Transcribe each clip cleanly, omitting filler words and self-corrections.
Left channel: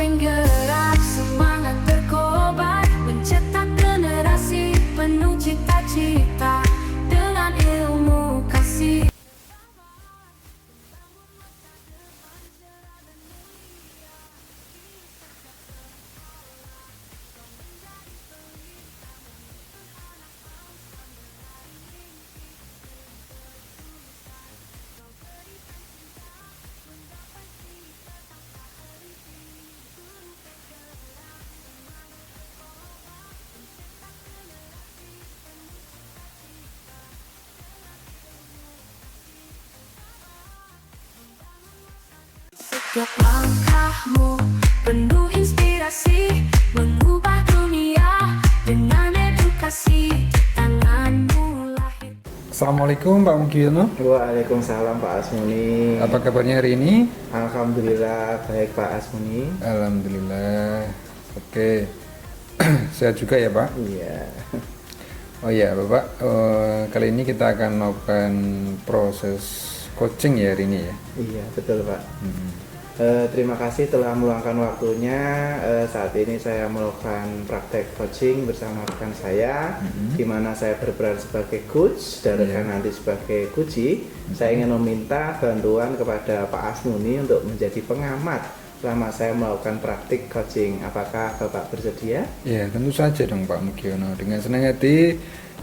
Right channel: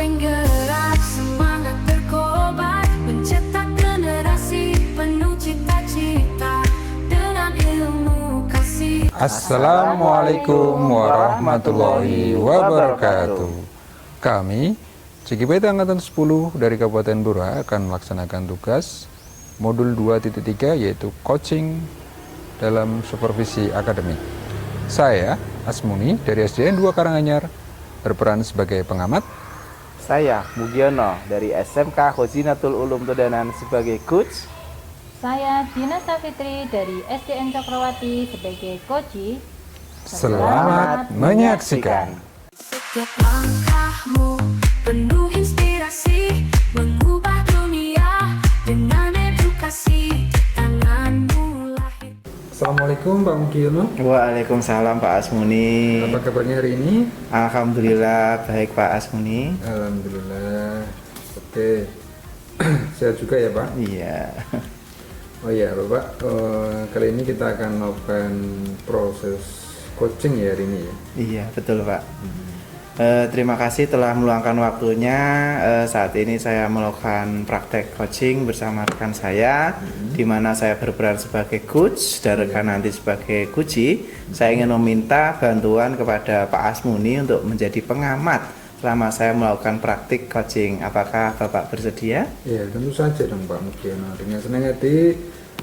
penggerak semangat berkobar, mencetak generasi penuh cita-cita dengan ilmu kasih. Assalamualaikum warahmatullahi wabarakatuh. Kami CGP Angkatan 10 dari Kabupaten Blora akan melaksanakan tugas modul 2.3 yaitu coaching dalam supervisi akademik. Saya Asmuni dari SDN 2 Karanganyar berperan sebagai pengamat. Saya Mugiono dari SMK Khozinatul Ulum Tudanan sebagai coach. Saya Dina Safitri dari SDN Cokrawati sebagai coach. Selamat menyaksikan. Setiap langkahmu penuh inspirasi, mengubah dunia dengan edukasi. Tanganmu lahir. Assalamualaikum Pak Mugiono. Waalaikumsalam Pak Asmuni. Apa kabarnya hari ini? Alhamdulillah baik Pak Asmuni. Alhamdulillah. Oke. Sehat juga ya Pak? Iya. Oh ya Bapak, kali ini kita akan melakukan proses coaching ya hari ini ya? Iya betul Pak. Terima kasih telah meluangkan waktunya. Saat ini saya melakukan praktek coaching bersama rekan saya, di mana saya berperan sebagai coach dan rekan nanti sebagai coachee. Saya ingin meminta bantuan kepada Pak Asmuni untuk menjadi pengamat selama saya melakukan praktik coaching. Apakah Bapak bersedia? Ya tentu saja dong Pak Mugiono. Dengan senang hati,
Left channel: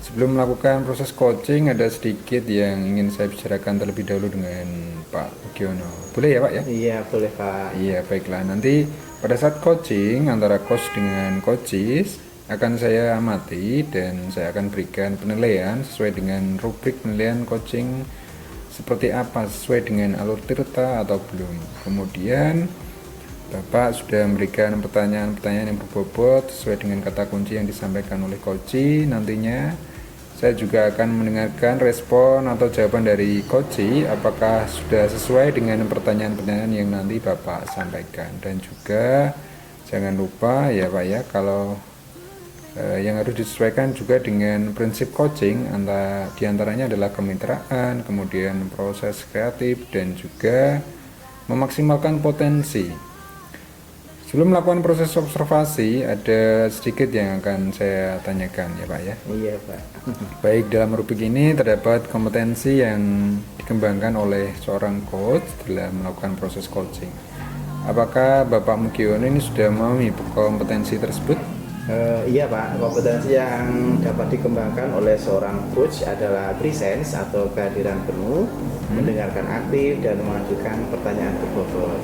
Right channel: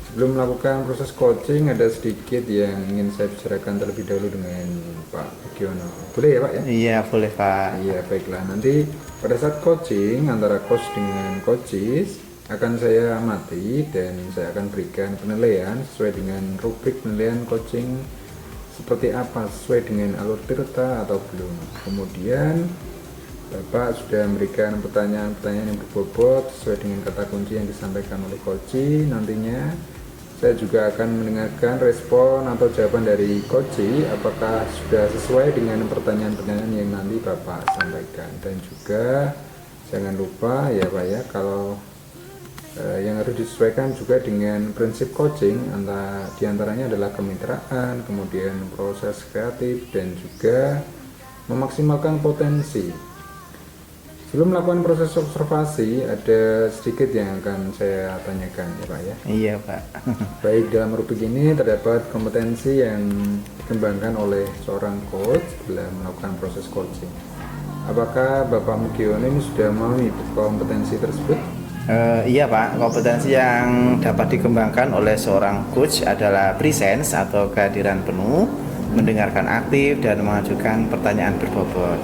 sebelum melakukan proses coaching ada sedikit yang ingin saya bicarakan terlebih dahulu dengan Pak Mugiono. Boleh ya Pak ya? Iya boleh Pak. Iya baiklah, nanti pada saat coaching antara coach dengan coaches akan saya amati dan saya akan berikan penilaian sesuai dengan rubrik penilaian coaching seperti apa, sesuai dengan alur tirta atau belum. Kemudian Bapak sudah memberikan pertanyaan-pertanyaan yang berbobot sesuai dengan kata kunci yang disampaikan oleh coachee. Nantinya saya juga akan mendengarkan respon atau jawaban dari coachee apakah sudah sesuai dengan pertanyaan-pertanyaan yang nanti Bapak sampaikan. Dan juga jangan lupa ya Pak ya, kalau yang harus disesuaikan juga dengan prinsip coaching, diantaranya adalah kemitraan, kemudian proses kreatif dan juga memaksimalkan potensi. Sebelum melakukan proses observasi, ada sedikit yang akan saya tanyakan ya Pak ya. Iya Pak. Baik, dalam rubrik ini terdapat kompetensi yang dikembangkan oleh seorang coach dalam melakukan proses coaching. Apakah Bapak Mugiono ini sudah memahami kompetensi tersebut? Iya Pak, kompetensi yang dapat dikembangkan oleh seorang coach adalah presence atau kehadiran penuh, mendengarkan aktif dan mengajukan pertanyaan berbobot.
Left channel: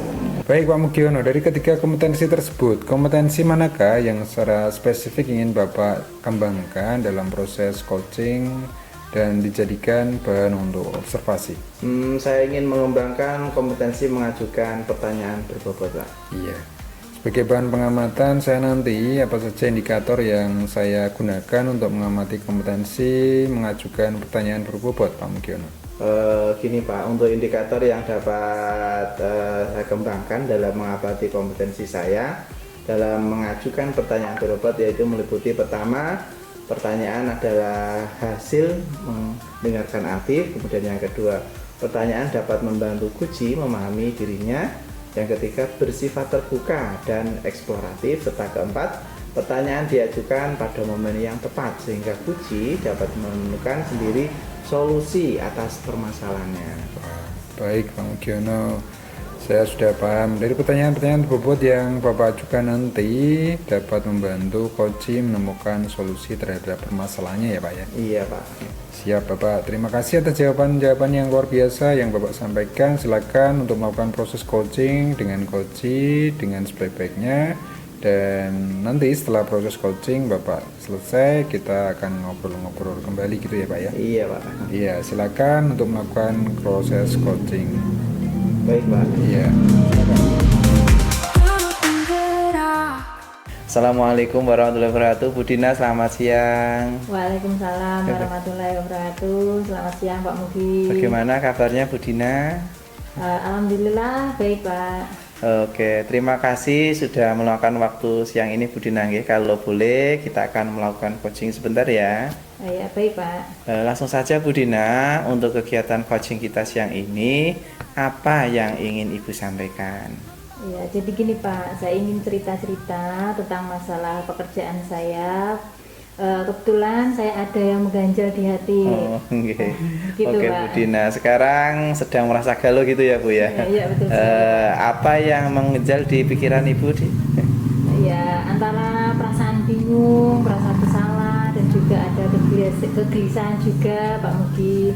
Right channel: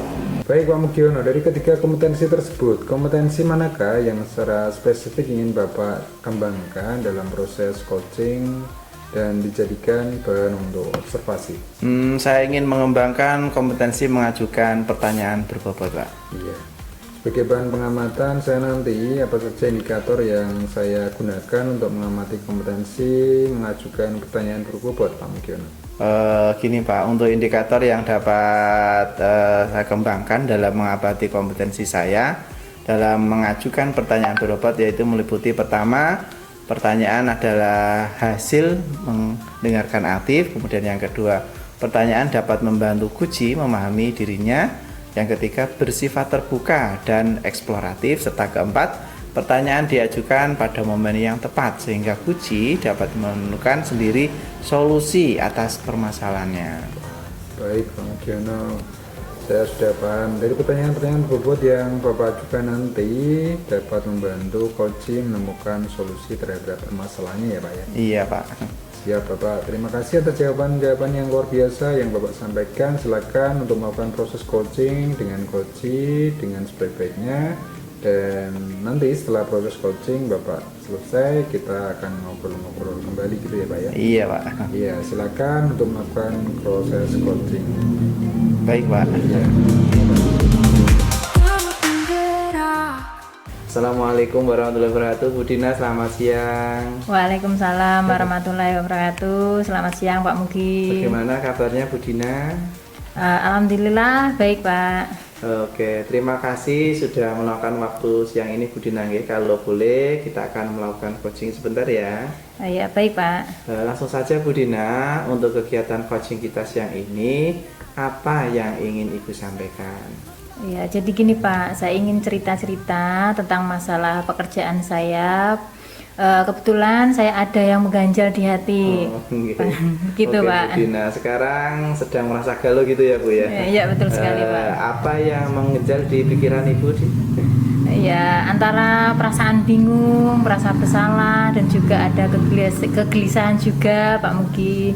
Baik Pak Mugiono, dari ketiga kompetensi tersebut, kompetensi manakah yang secara spesifik ingin Bapak kembangkan dalam proses coaching dan dijadikan bahan untuk observasi? Saya ingin mengembangkan kompetensi mengajukan pertanyaan berbobot Pak. Iya. Sebagai bahan pengamatan saya nanti, apa saja indikator yang saya gunakan untuk mengamati kompetensi mengajukan pertanyaan berbobot Pak Mugiono? Gini Pak, untuk indikator yang dapat saya kembangkan dalam mengamati kompetensi saya dalam mengajukan pertanyaan berbobot yaitu meliputi pertama, pertanyaan adalah hasil mendengarkan aktif. Kemudian yang kedua, pertanyaan dapat membantu coachee memahami dirinya. Yang ketiga, bersifat terbuka dan eksploratif. Serta keempat, pertanyaan diajukan pada momen yang tepat sehingga coachee dapat menemukan sendiri solusi atas permasalahannya. Baik Pak Mugiono, saya sudah paham. Dari pertanyaan-pertanyaan berbobot yang Bapak ajukan nanti dapat membantu coachee menemukan solusi terhadap permasalahannya ya Pak ya? Iya Pak. Siap Bapak, terima kasih atas jawaban-jawaban yang luar biasa yang Bapak sampaikan. Silakan untuk melakukan proses coaching dengan coachee dengan sebaik-baiknya. Dan nanti setelah proses coaching Bapak selesai, kita akan ngobrol-ngobrol kembali gitu ya Pak ya? Iya Pak. Iya, silakan untuk melakukan proses coaching. Baik Pak. Iya. Assalamualaikum warahmatullahi wabarakatuh. Bu Dina, selamat siang. Waalaikumsalam warahmatullahi wabarakatuh. Selamat siang Pak Mugi. Bagaimana kabarnya Bu Dina? Alhamdulillah baik Pak. Oke, terima kasih sudah meluangkan waktu siang ini Bu Dina. Kalau boleh kita akan melakukan coaching sebentar ya. Ya baik Pak. Langsung saja Bu Dina, untuk kegiatan coaching kita siang ini apa yang ingin Ibu sampaikan? Ya, jadi gini Pak, saya ingin cerita-cerita tentang masalah pekerjaan saya. Kebetulan saya ada yang mengganjal di hati. Oh, okay. Gitu Oke, Pak. Bu Dina, sekarang sedang merasa galau gitu ya Bu ya? Ya, betul sekali Pak. Apa yang mengganjal di pikiran Ibu di? Ya, antara perasaan bingung, merasa bersalah, dan juga ada kegelisahan juga Pak Mugi.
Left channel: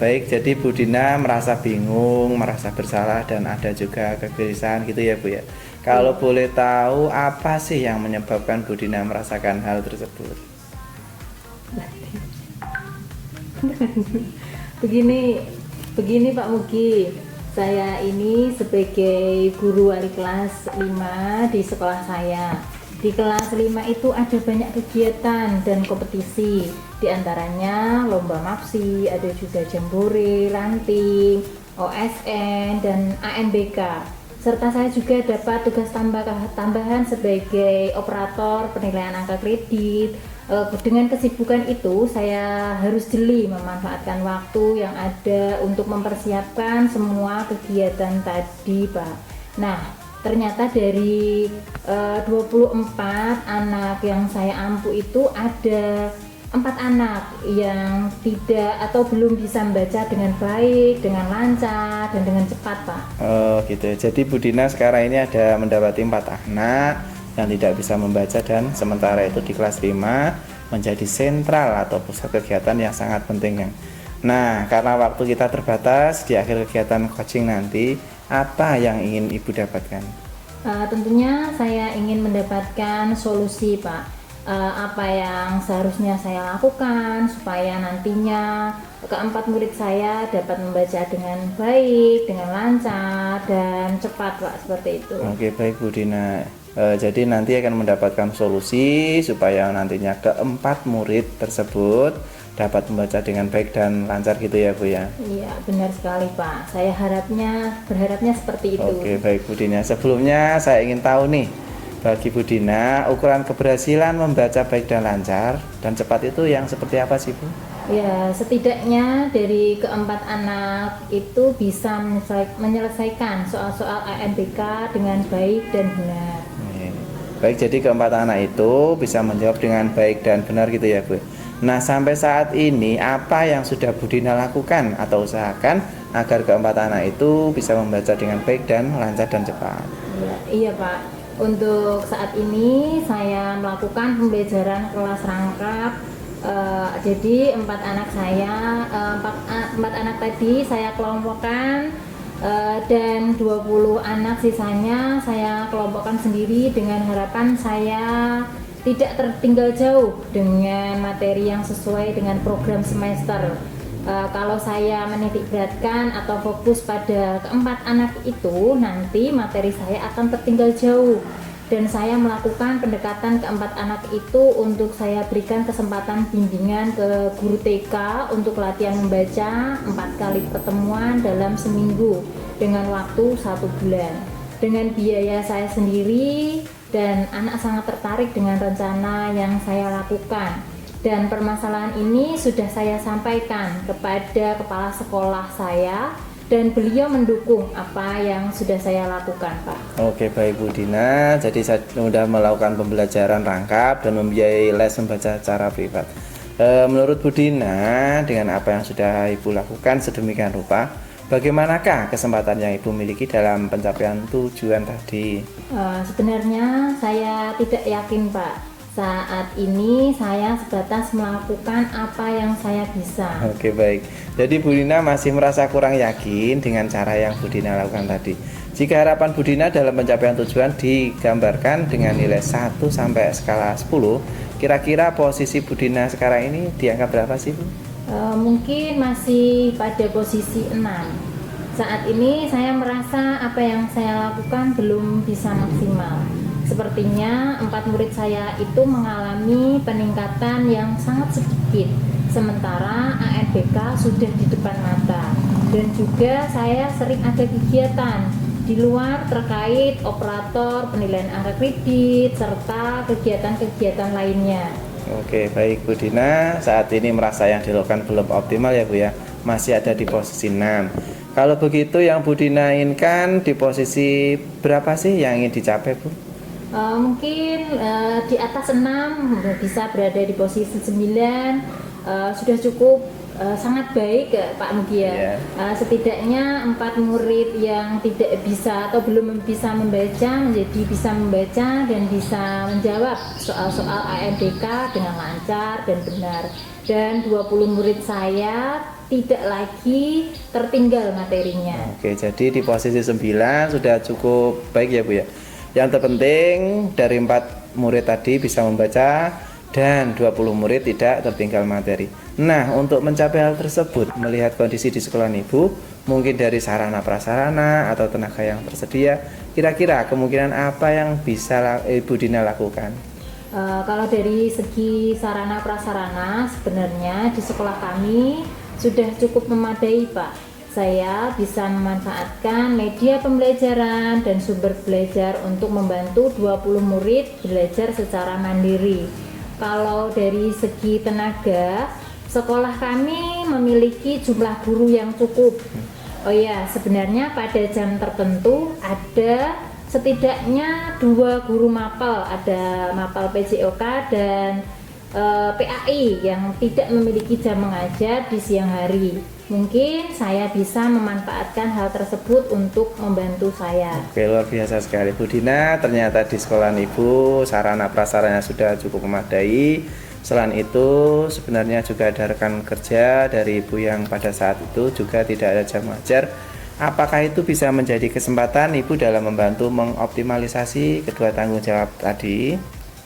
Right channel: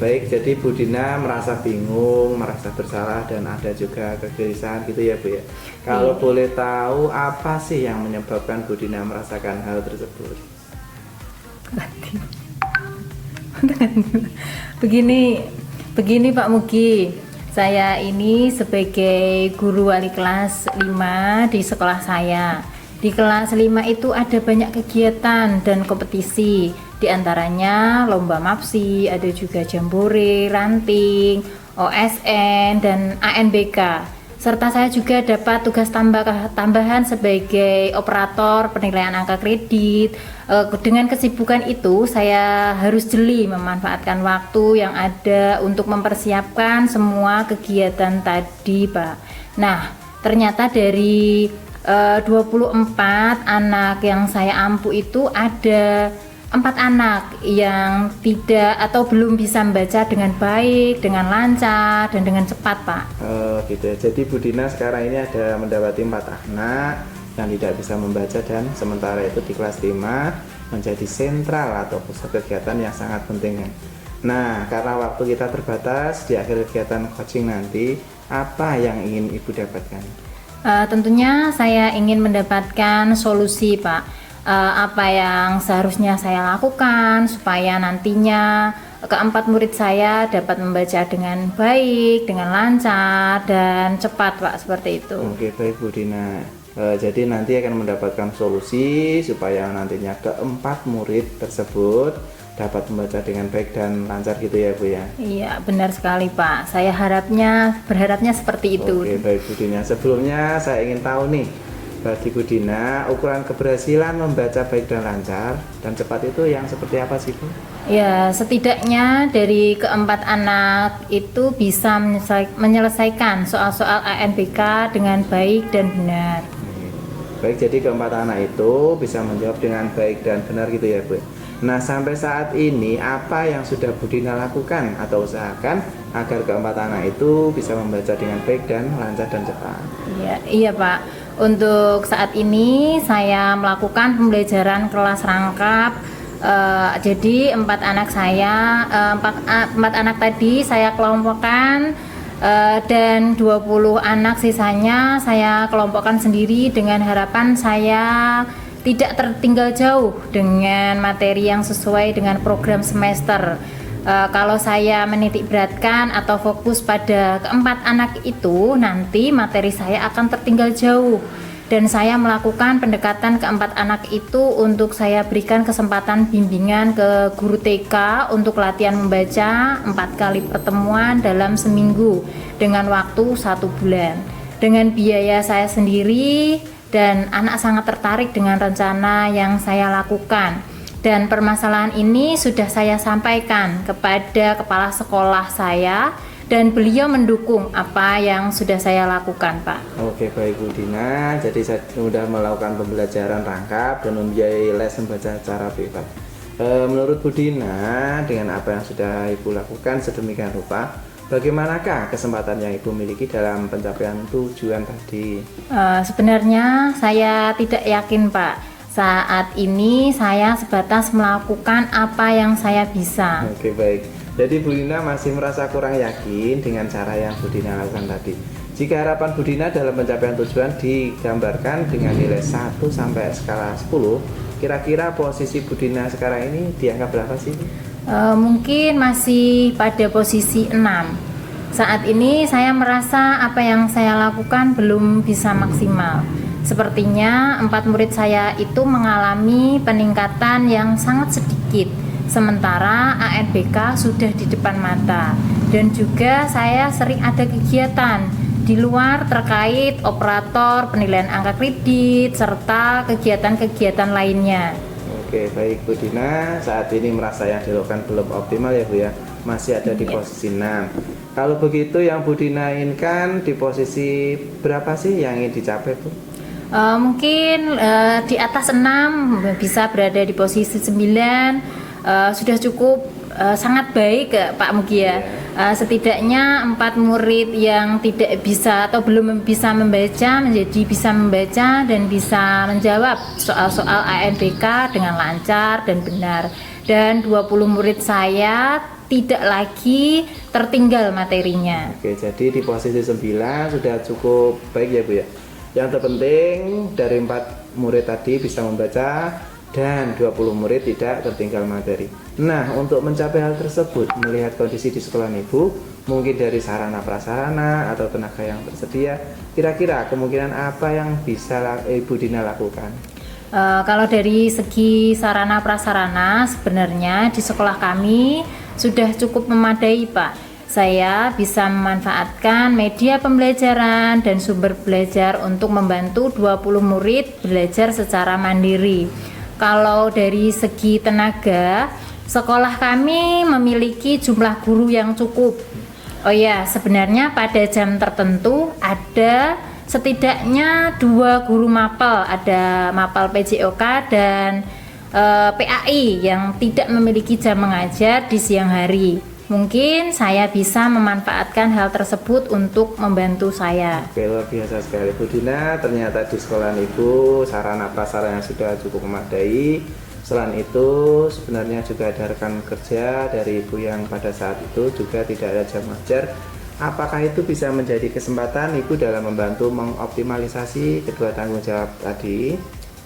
Baik, jadi Bu Dina merasa bingung, merasa bersalah, dan ada juga kegelisahan gitu ya Bu ya. Kalau boleh tahu apa sih yang menyebabkan Bu Dina merasakan hal tersebut? Begini Pak Mugi, saya ini sebagai guru wali kelas 5 di sekolah saya. Di kelas 5 itu ada banyak kegiatan dan kompetisi. Di antaranya lomba MAPSI, ada juga jambore, ranting, OSN, dan ANBK. Serta saya juga dapat tugas tambahan sebagai operator penilaian angka kredit. Dengan kesibukan itu, saya harus jeli memanfaatkan waktu yang ada untuk mempersiapkan semua kegiatan tadi, Pak. Nah, ternyata dari 24 anak yang saya ampu itu ada 4 anak yang tidak atau belum bisa membaca dengan baik, dengan lancar, dan dengan cepat, Pak. Oh gitu. Jadi Bu Dina sekarang ini ada mendapati 4 anak yang tidak bisa membaca, dan sementara itu di kelas 5 menjadi sentral atau pusat kegiatan yang sangat penting kan. Nah, karena waktu kita terbatas, di akhir kegiatan coaching nanti apa yang ingin Ibu dapatkan? Tentunya saya ingin mendapatkan solusi, Pak. Apa yang seharusnya saya lakukan supaya nantinya keempat murid saya dapat membaca dengan baik, dengan lancar dan cepat, Pak, seperti itu. Oke, baik Bu Dina. Jadi nanti akan mendapatkan solusi supaya nantinya keempat murid tersebut dapat membaca dengan baik dan lancar gitu ya Bu ya. Iya, benar sekali Pak. Saya berharapnya seperti itu. Oke, baik Bu Dina. Sebelumnya saya ingin tahu nih, bagi Bu Dina, ukuran keberhasilan membaca baik dan lancar dan cepat itu yang seperti apa sih Bu? Ya, setidaknya dari keempat anak itu bisa menyelesaikan soal-soal ANBK dengan baik dan benar. Baik, jadi keempat anak itu bisa menjawab dengan baik dan benar gitu ya Bu. Nah, sampai saat ini apa yang sudah Bu Dina lakukan atau usahakan agar keempat anak itu bisa membaca dengan baik dan lancar dan cepat? Iya Pak. Untuk saat ini saya melakukan pembelajaran kelas rangkap. Jadi 4 anak saya, 4 anak tadi saya kelompokkan, dan 20 anak sisanya saya kelompokkan sendiri dengan harapan saya tidak tertinggal jauh dengan materi yang sesuai dengan program semester. Kalau saya menitik beratkan atau fokus pada keempat anak itu, nanti materi saya akan tertinggal jauh. Dan saya melakukan pendekatan keempat anak itu untuk saya berikan kesempatan bimbingan ke guru TK untuk latihan membaca 4 kali pertemuan dalam seminggu dengan waktu 1 bulan. Dengan biaya saya sendiri, dan anak sangat tertarik dengan rencana yang saya lakukan. Dan permasalahan ini sudah saya sampaikan kepada kepala sekolah saya, dan beliau mendukung apa yang sudah saya lakukan, Pak. Oke, baik Bu Dina. Jadi saya sudah melakukan pembelajaran rangkap dan membiayai les membaca secara privat. Menurut Bu Dina, dengan apa yang sudah Ibu lakukan sedemikian rupa, bagaimanakah kesempatan yang Ibu miliki dalam pencapaian tujuan tadi? Sebenarnya saya tidak yakin, Pak. Saat ini saya sebatas melakukan apa yang saya bisa. Oke, baik. Jadi Bu Dina masih merasa kurang yakin dengan cara yang Bu Dina lakukan tadi. Jika harapan Bu Dina dalam pencapaian tujuan digambarkan dengan nilai 1 sampai skala 10, kira-kira posisi Bu Dina sekarang ini dianggap berapa sih Bu? Mungkin masih pada posisi 6. Saat ini saya merasa apa yang saya lakukan belum bisa maksimal. Sepertinya 4 murid saya itu mengalami peningkatan yang sangat sedikit, sementara ANBK sudah di depan mata. Dan juga saya sering ada kegiatan di luar terkait operator penilaian angka kredit serta kegiatan-kegiatan lainnya. Oke, baik Bu Dina, saat ini merasa yang dilakukan belum optimal ya Bu ya. masih ada di posisi 6. Kalau begitu yang Bu Dina inginkan di posisi berapa sih yang ingin dicapai, Bu? Mungkin di atas 6, bisa berada di posisi 9, sudah cukup sangat baik Pak Mugi ya. Setidaknya 4 murid yang tidak bisa atau belum bisa membaca menjadi bisa membaca dan bisa menjawab soal-soal AMDK dengan lancar dan benar. Dan 20 murid saya tidak lagi tertinggal materinya. Oke, jadi di posisi 9 sudah cukup baik ya Bu ya. Yang terpenting dari 4 murid tadi bisa membaca dan 20 murid tidak tertinggal materi. Nah, untuk mencapai hal tersebut, melihat kondisi di sekolah Ibu, mungkin dari sarana prasarana atau tenaga yang tersedia, kira-kira kemungkinan apa yang bisa Ibu Dina lakukan? Kalau dari segi sarana prasarana, sebenarnya di sekolah kami sudah cukup memadai, Pak. Saya bisa memanfaatkan media pembelajaran dan sumber belajar untuk membantu 20 murid belajar secara mandiri. Kalau dari segi tenaga, sekolah kami memiliki jumlah guru yang cukup. Oh ya, sebenarnya pada jam tertentu ada setidaknya 2 guru mapel, ada mapel PJOK dan PAI yang tidak memiliki jam mengajar di siang hari. Mungkin saya bisa memanfaatkan hal tersebut untuk membantu saya. Oke, luar biasa sekali Bu Dina. Ternyata di sekolah Ibu sarana prasarana sudah cukup memadai. Selain itu sebenarnya juga ada rekan kerja dari Ibu yang pada saat itu juga tidak ada jam mengajar. Apakah itu bisa menjadi kesempatan Ibu dalam membantu mengoptimalisasi kedua tanggung jawab tadi?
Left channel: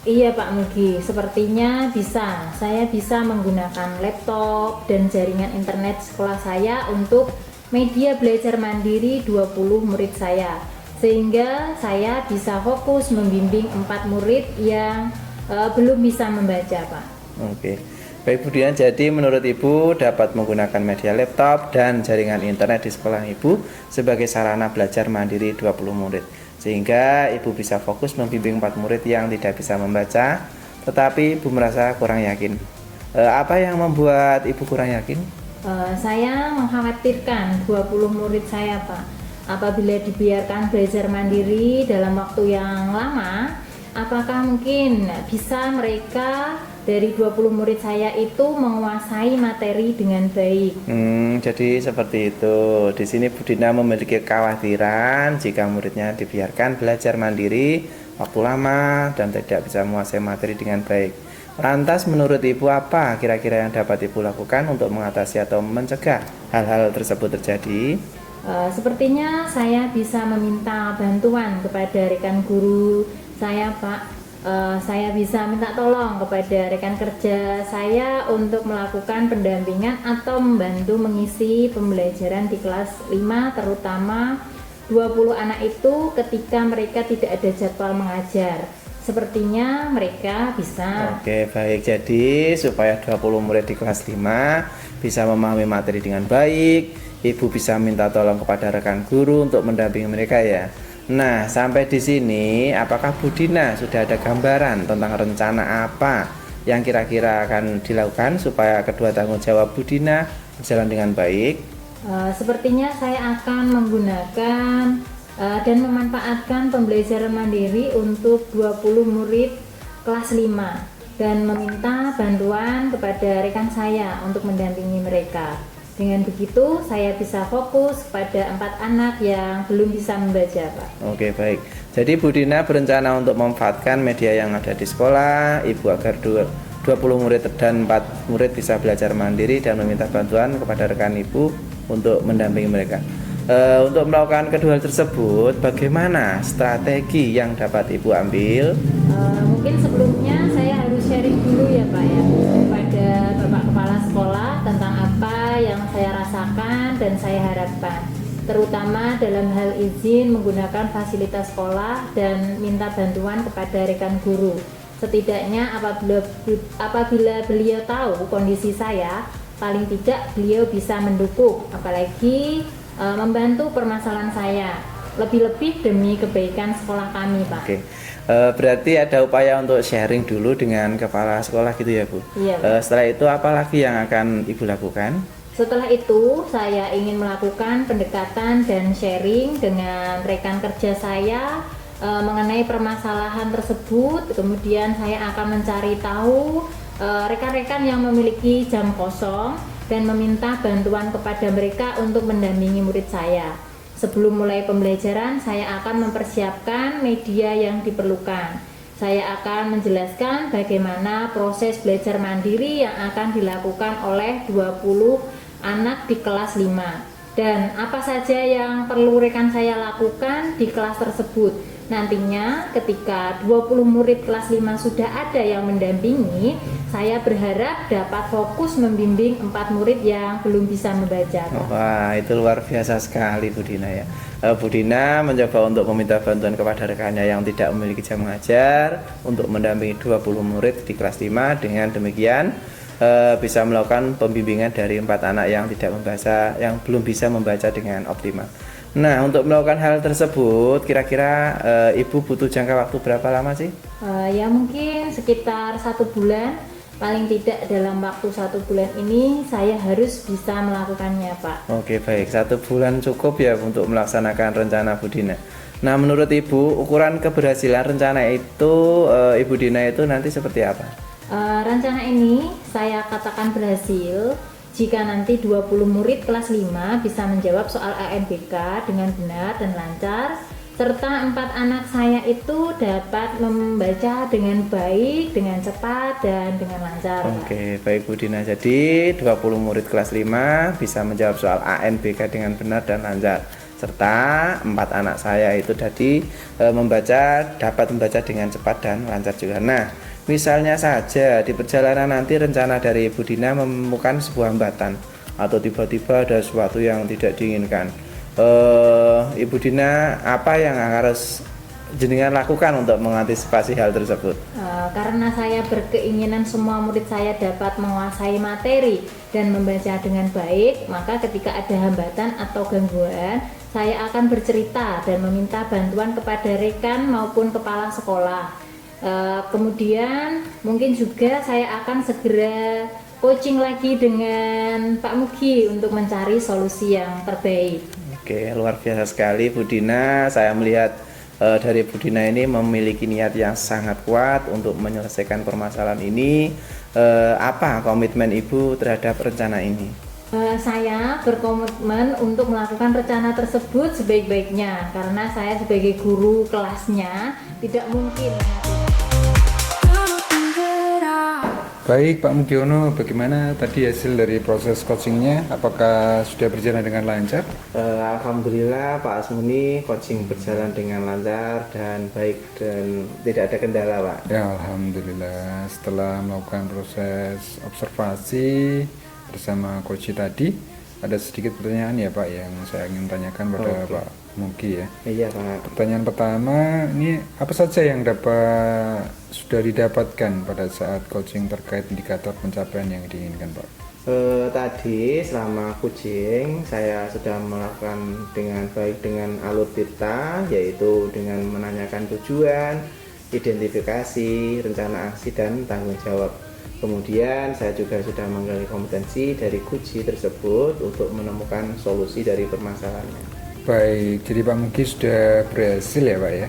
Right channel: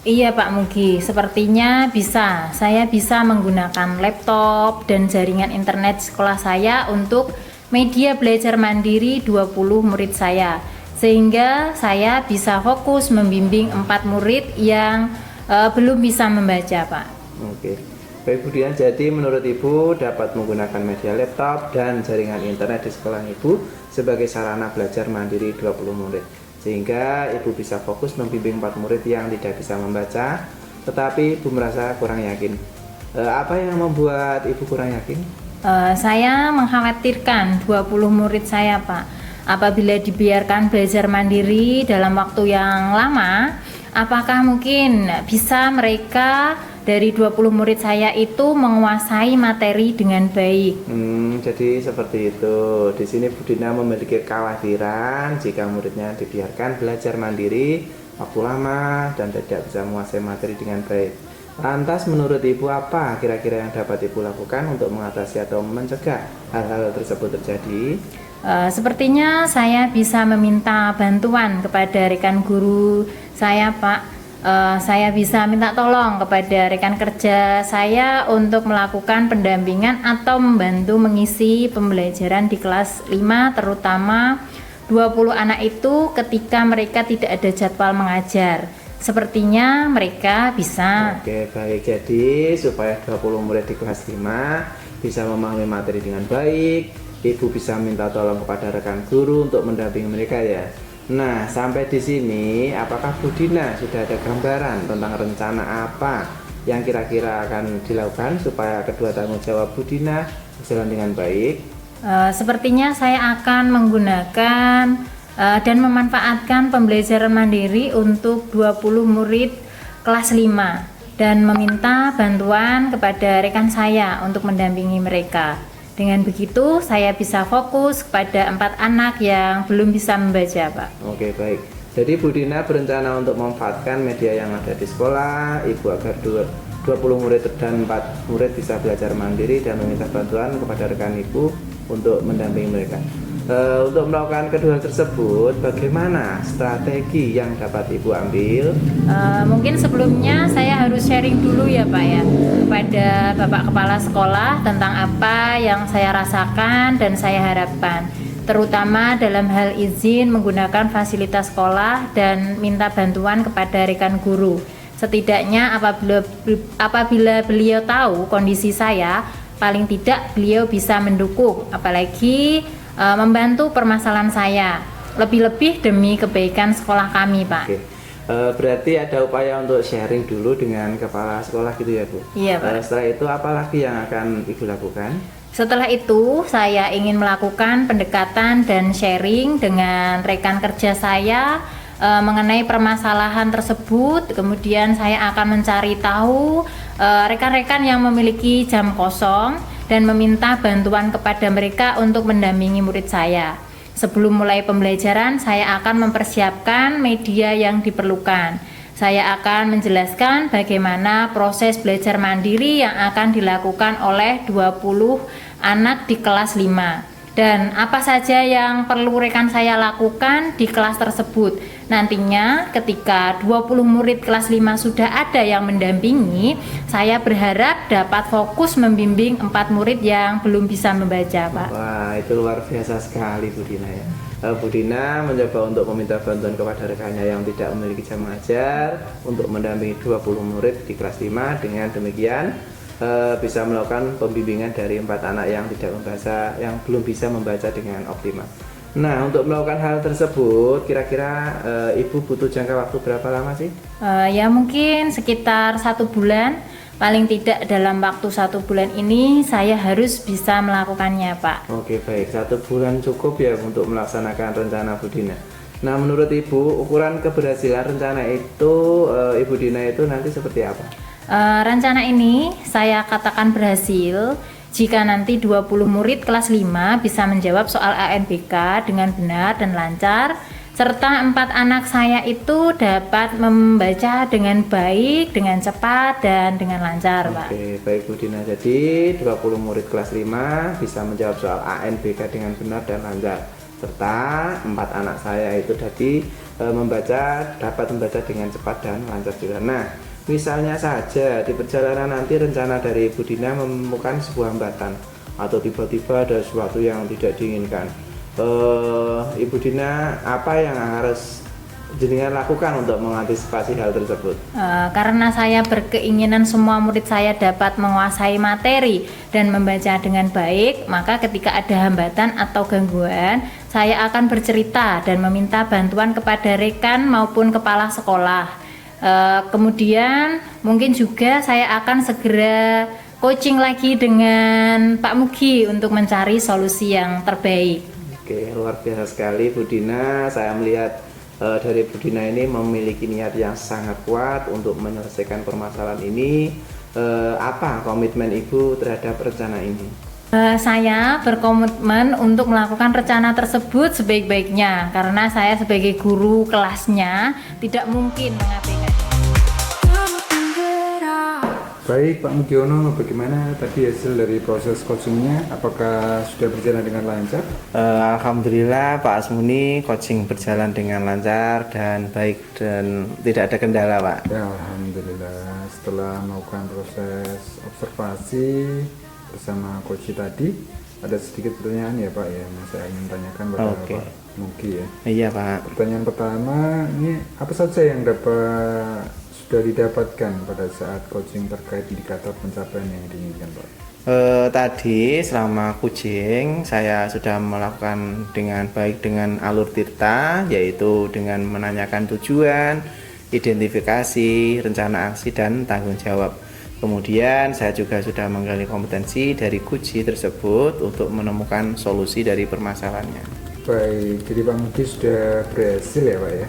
Iya Pak Mugi, sepertinya bisa. Saya bisa menggunakan laptop dan jaringan internet sekolah saya untuk media belajar mandiri 20 murid saya. Sehingga saya bisa fokus membimbing 4 murid yang belum bisa membaca, Pak. Oke. Baik Bu Dina, jadi menurut Ibu dapat menggunakan media laptop dan jaringan internet di sekolah Ibu sebagai sarana belajar mandiri 20 murid. Sehingga Ibu bisa fokus membimbing 4 murid yang tidak bisa membaca, tetapi Ibu merasa kurang yakin. Apa yang membuat Ibu kurang yakin? Saya mengkhawatirkan 20 murid saya, Pak. Apabila dibiarkan belajar mandiri dalam waktu yang lama, apakah mungkin bisa mereka dari 20 murid saya itu menguasai materi dengan baik? Jadi seperti itu. Di sini Bu Dina memiliki kekhawatiran jika muridnya dibiarkan belajar mandiri waktu lama dan tidak bisa menguasai materi dengan baik. Lantas menurut Ibu apa kira-kira yang dapat Ibu lakukan untuk mengatasi atau mencegah hal-hal tersebut terjadi? Sepertinya saya bisa meminta bantuan kepada rekan guru saya, Pak. Saya bisa minta tolong kepada rekan kerja saya untuk melakukan pendampingan atau membantu mengisi pembelajaran di kelas 5, terutama 20 anak itu ketika mereka tidak ada jadwal mengajar. Sepertinya mereka bisa. Oke, baik. Jadi supaya 20 murid di kelas 5 bisa memahami materi dengan baik, Ibu bisa minta tolong kepada rekan guru untuk mendampingi mereka ya. Nah, sampai di sini apakah Bu Dina sudah ada gambaran tentang rencana apa yang kira-kira akan dilakukan supaya kedua tanggung jawab Bu Dina berjalan dengan baik? Sepertinya saya akan menggunakan dan memanfaatkan pembelajaran mandiri untuk 20 murid kelas 5 dan meminta bantuan kepada rekan saya untuk mendampingi mereka. Dengan begitu saya bisa fokus kepada 4 anak yang belum bisa membaca, Pak. Oke, baik. Jadi Bu Dina berencana untuk memanfaatkan media yang ada di sekolah Ibu agar 20 murid dan 4 murid bisa belajar mandiri dan meminta bantuan kepada rekan Ibu untuk mendampingi mereka. Untuk melakukan kedua hal tersebut, bagaimana strategi yang dapat Ibu ambil? Mungkin sebelumnya saya harus sharing dulu ya Pak ya kepada Bapak Kepala Sekolah tentang apa yang saya rasakan dan saya harapkan, terutama dalam hal izin menggunakan fasilitas sekolah dan minta bantuan kepada rekan guru. Setidaknya apabila beliau tahu kondisi saya, paling tidak beliau bisa mendukung, apalagi membantu permasalahan saya, lebih-lebih demi kebaikan sekolah kami, Pak. Oke. Berarti ada upaya untuk sharing dulu dengan kepala sekolah gitu ya Bu? Iya, Pak. Setelah itu apa lagi yang akan Ibu lakukan? Setelah itu, saya ingin melakukan pendekatan dan sharing dengan rekan kerja saya mengenai permasalahan tersebut. Kemudian saya akan mencari tahu rekan-rekan yang memiliki jam kosong dan meminta bantuan kepada mereka untuk mendampingi murid saya. Sebelum mulai pembelajaran, saya akan mempersiapkan media yang diperlukan. Saya akan menjelaskan bagaimana proses belajar mandiri yang akan dilakukan oleh 20 anak di kelas 5 dan apa saja yang perlu rekan saya lakukan di kelas tersebut. Nantinya ketika 20 murid kelas 5 sudah ada yang mendampingi, saya berharap dapat fokus membimbing 4 murid yang belum bisa membaca, Pak. Wah, itu luar biasa sekali Bu Dina ya. Bu Dina mencoba untuk meminta bantuan kepada rekannya yang tidak memiliki jam mengajar untuk mendampingi 20 murid di kelas 5. Dengan demikian bisa melakukan pembimbingan dari 4 anak yang tidak membaca, yang belum bisa membaca dengan optimal. Nah, untuk melakukan hal tersebut, kira-kira Ibu butuh jangka waktu berapa lama sih? Ya mungkin sekitar 1 bulan. Paling tidak dalam waktu 1 bulan ini saya harus bisa melakukannya, Pak. Oke, baik. 1 bulan cukup ya untuk melaksanakan rencana Bu Dina. Nah, menurut Ibu, ukuran keberhasilan rencana itu Ibu Dina itu nanti seperti apa? Rencana ini saya katakan berhasil jika nanti 20 murid kelas 5 bisa menjawab soal ANBK dengan benar dan lancar, serta 4 anak saya itu dapat membaca dengan baik, dengan cepat, dan dengan lancar, Pak. Oke, baik Bu Dina. Jadi 20 murid kelas 5 bisa menjawab soal ANBK dengan benar dan lancar, serta 4 anak saya itu tadi dapat membaca dengan cepat dan lancar juga. Nah, misalnya saja di perjalanan nanti rencana dari Ibu Dina menemukan sebuah hambatan atau tiba-tiba ada sesuatu yang tidak diinginkan. Ibu Dina, apa yang harus jenengan lakukan untuk mengantisipasi hal tersebut? Karena saya berkeinginan semua murid saya dapat menguasai materi dan membaca dengan baik, maka ketika ada hambatan atau gangguan, saya akan bercerita dan meminta bantuan kepada rekan maupun kepala sekolah. Kemudian mungkin juga saya akan segera coaching lagi dengan Pak Mugi untuk mencari solusi yang terbaik. Oke, luar biasa sekali Bu Dina. Saya melihat dari Bu Dina ini memiliki niat yang sangat kuat untuk menyelesaikan permasalahan ini. Apa komitmen Ibu terhadap rencana ini? Saya berkomitmen untuk melakukan rencana tersebut sebaik-baiknya karena saya sebagai guru kelasnya tidak mungkin mengabaikan. Baik Pak Mugiono, bagaimana tadi hasil dari proses coachingnya? Apakah sudah berjalan dengan lancar? Alhamdulillah Pak Asmuni, coaching berjalan dengan lancar dan baik dan tidak ada kendala Pak. Ya Alhamdulillah, setelah melakukan proses observasi bersama coach tadi, ada sedikit pertanyaan ya Pak yang saya ingin tanyakan pada Pak Mugi ya. Iya Pak. Pertanyaan pertama, ini apa saja yang sudah didapatkan pada saat coaching terkait indikator pencapaian yang diinginkan Pak? Tadi selama coaching saya sudah melakukan dengan baik dengan alur Tirta, yaitu dengan menanyakan tujuan, identifikasi, rencana aksi dan tanggung jawab. Kemudian saya juga sudah menggali kompetensi dari coach tersebut untuk menemukan solusi dari permasalahannya. Baik, jadi Pak Mugi sudah berhasil ya Pak ya?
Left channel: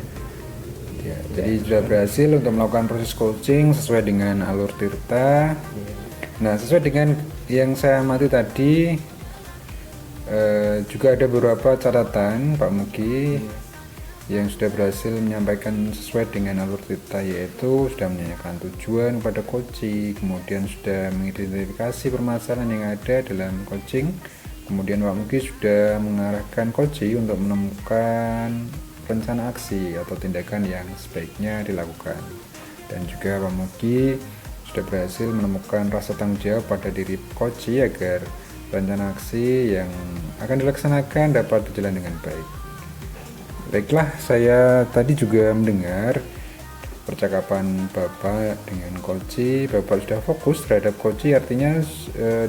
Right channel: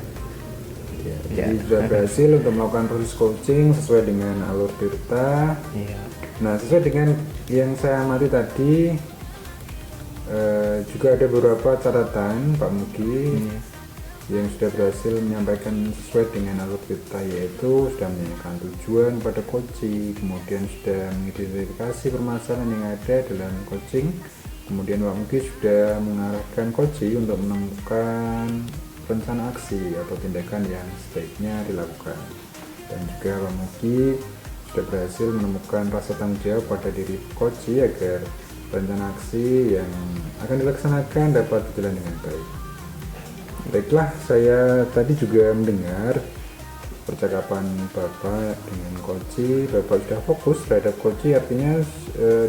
Ya, jadi sudah berhasil untuk melakukan proses coaching sesuai dengan alur Tirta. Iya. Nah, sesuai dengan yang saya amati tadi, juga ada beberapa catatan Pak Mugi yang sudah berhasil menyampaikan sesuai dengan alur Tirta, yaitu sudah menanyakan tujuan pada coaching, kemudian sudah mengidentifikasi permasalahan yang ada dalam coaching, kemudian Pak Mugi sudah mengarahkan coaching untuk menemukan rencana aksi atau tindakan yang sebaiknya dilakukan, dan juga Pak Mugi sudah berhasil menemukan rasa tanggung jawab pada diri coach agar rencana aksi yang akan dilaksanakan dapat berjalan dengan baik. Baiklah, saya tadi juga mendengar percakapan Bapak dengan coach. Bapak sudah fokus terhadap coach, artinya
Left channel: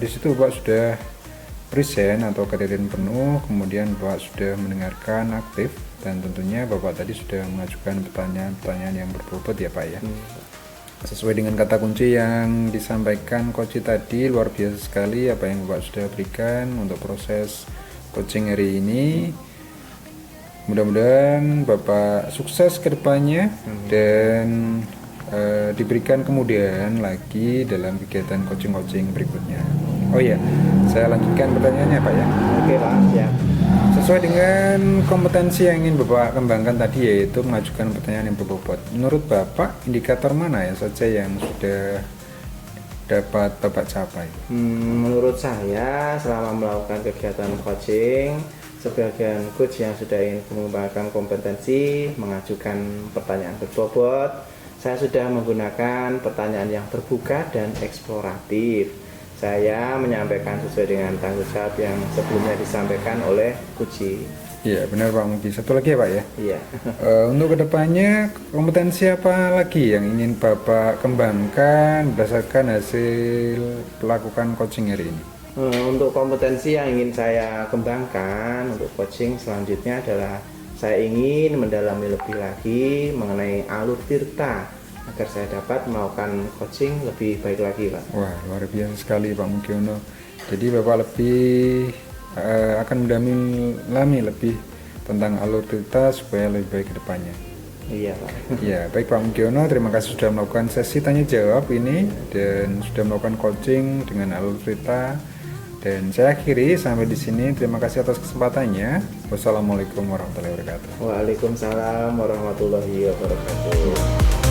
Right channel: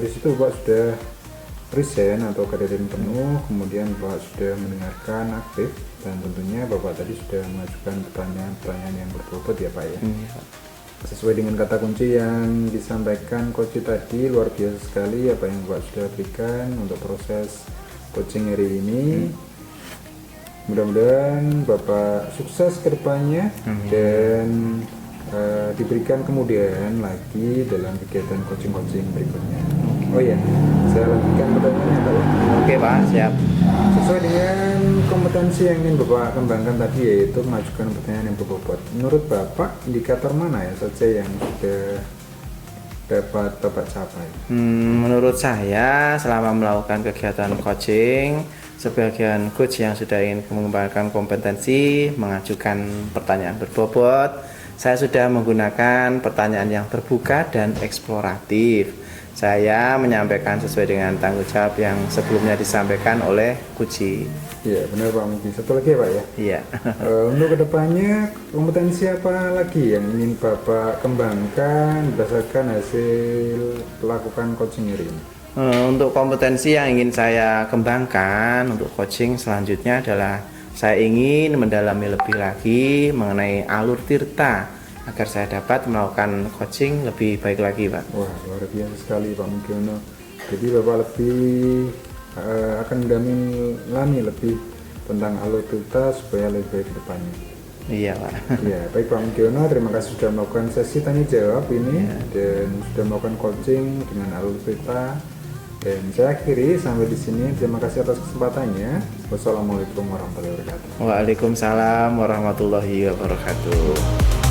di situ Bapak sudah present atau kehadiran penuh, kemudian Bapak sudah mendengarkan aktif, dan tentunya Bapak tadi sudah mengajukan pertanyaan-pertanyaan yang berbobot ya Pak ya. sesuai dengan kata kunci yang disampaikan coach tadi. Luar biasa sekali apa yang Bapak sudah berikan untuk proses coaching hari ini. Mudah-mudahan Bapak sukses ke depannya dan diberikan kemudahan lagi dalam kegiatan coaching-coaching berikutnya. Oh iya, saya lanjutkan pertanyaannya Pak ya. Oke Pak, siap. Sesuai dengan kompetensi yang ingin Bapak kembangkan tadi, yaitu mengajukan pertanyaan yang berbobot. Menurut Bapak, indikator mana ya saja yang sudah dapat Bapak capai? Menurut saya selama melakukan kegiatan coaching, sebagian coach yang sudah ingin mengembangkan kompetensi mengajukan pertanyaan berbobot. Saya sudah menggunakan pertanyaan yang terbuka dan eksploratif. Saya menyampaikan sesuai dengan tanggung jawab yang sebelumnya disampaikan oleh coach. Iya benar Pak Mugi. Satu lagi ya Pak ya. Iya. Untuk kedepannya kompetensi apa lagi yang ingin Bapak kembangkan berdasarkan hasil melakukan coaching hari ini? Untuk kompetensi yang ingin saya kembangkan untuk coaching selanjutnya adalah saya ingin mendalami lebih lagi mengenai alur tirta agar saya dapat melakukan coaching lebih baik lagi Pak. Wah luar biasa sekali Pak Mugiono. Jadi Bapak lebih akan mendalami lebih tentang alur tirta supaya lebih baik ke depannya. Iya Pak. Ya baik Pak Mugiono, terima kasih sudah melakukan sesi tanya jawab ini dan sudah melakukan coaching dengan alur tirta. Dan saya akhiri sampai di sini. Terima kasih atas kesempatannya. Wassalamualaikum warahmatullahi wabarakatuh. Waalaikumsalam warahmatullahi wabarakatuh.